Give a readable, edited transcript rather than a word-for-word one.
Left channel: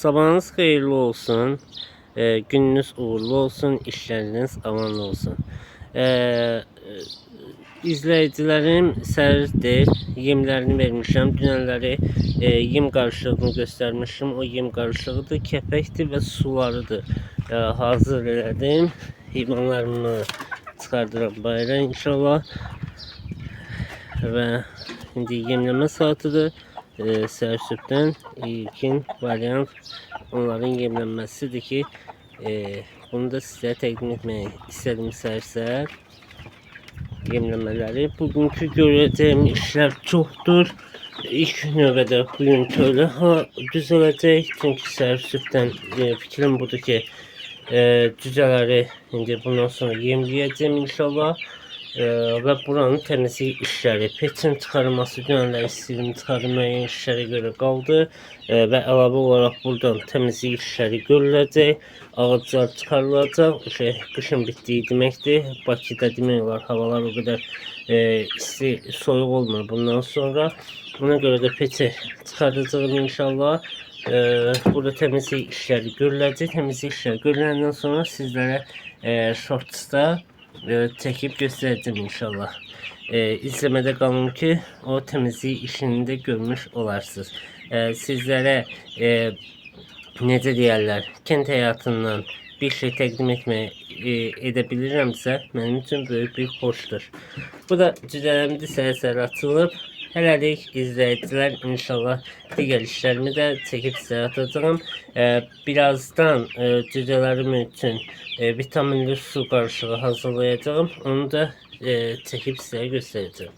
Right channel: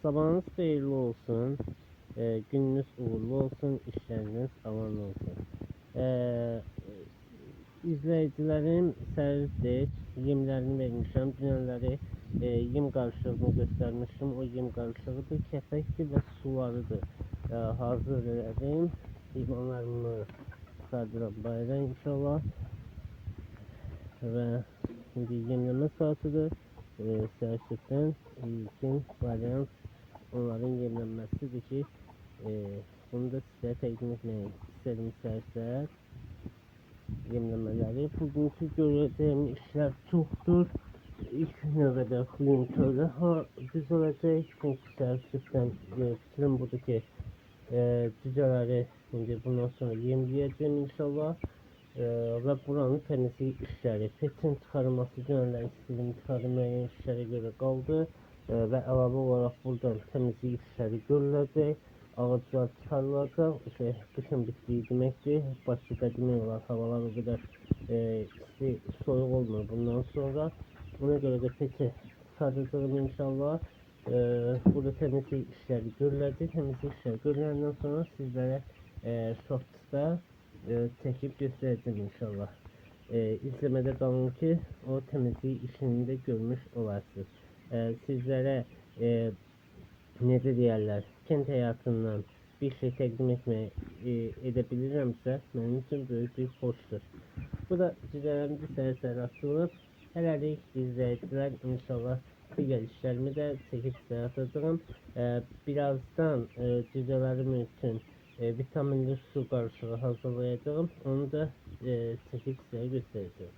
Sabahınız hayırlı olsun. Gününüz uğurlu olsun. İşleriniz amanlı olsun. İzleyicilerim səhərdir. Yemlərini vermişəm. Dünənləri yem qarışığını göstermişim. O yem qarışığıdır, kəpəkdir və sularıdır. Hazır elədim. Heyvanlarımı çıxardıram bayıra inşallah. Və indi yemləmə saatıdır. Səhər sübdən ilkin variant onların yemlənməsidir ki, bunu da sizə təqdim etmək istədim səhər-səhər yemləmələri. Bugünkü görəcəyim işlər çoxdur. İlk növbədə bugün tövlə düzələcək. Çünki səhər sübdən fikrim budur ki, cücələri indi bundan sonra yemləyəcəm inşallah. Və buranın təmizlik işləri, peçin çıxarılması, dünənlər istəyirdim çıxardım, müəyyən işlərə görə qaldı və əlavə olaraq buradan təmizlik işləri görüləcək, ağaclar çıxarılacaq. Qışın bitdiyi deməkdir. Bakıda demək olar havalar o qədər isti, soyuq olmur bundan sonra. Buna görə də peçi çıxaracağım inşallah. Burada təmizlik işləri görüləcək. Təmizlik işləri görüləndən sonra sizlərə shortsda çekip göstereceğim inşallah. İzlemede kalın ki o temizlik işini de görmüş olarsınız. Sizlere necə deyərlər, kənd həyatından bir şey təqdim edebilirimsə mənim üçün böyük bir xoşdur. Bu da cücələrimdə səhər-səhər açılıb. Hələlik izləyicilər inşallah digər işlərimi də çəkib sizə atacağım. Birazdan cücələrim üçün vitaminli su qarışığı hazırlayacağım. Onu da çekip size göstereceğim.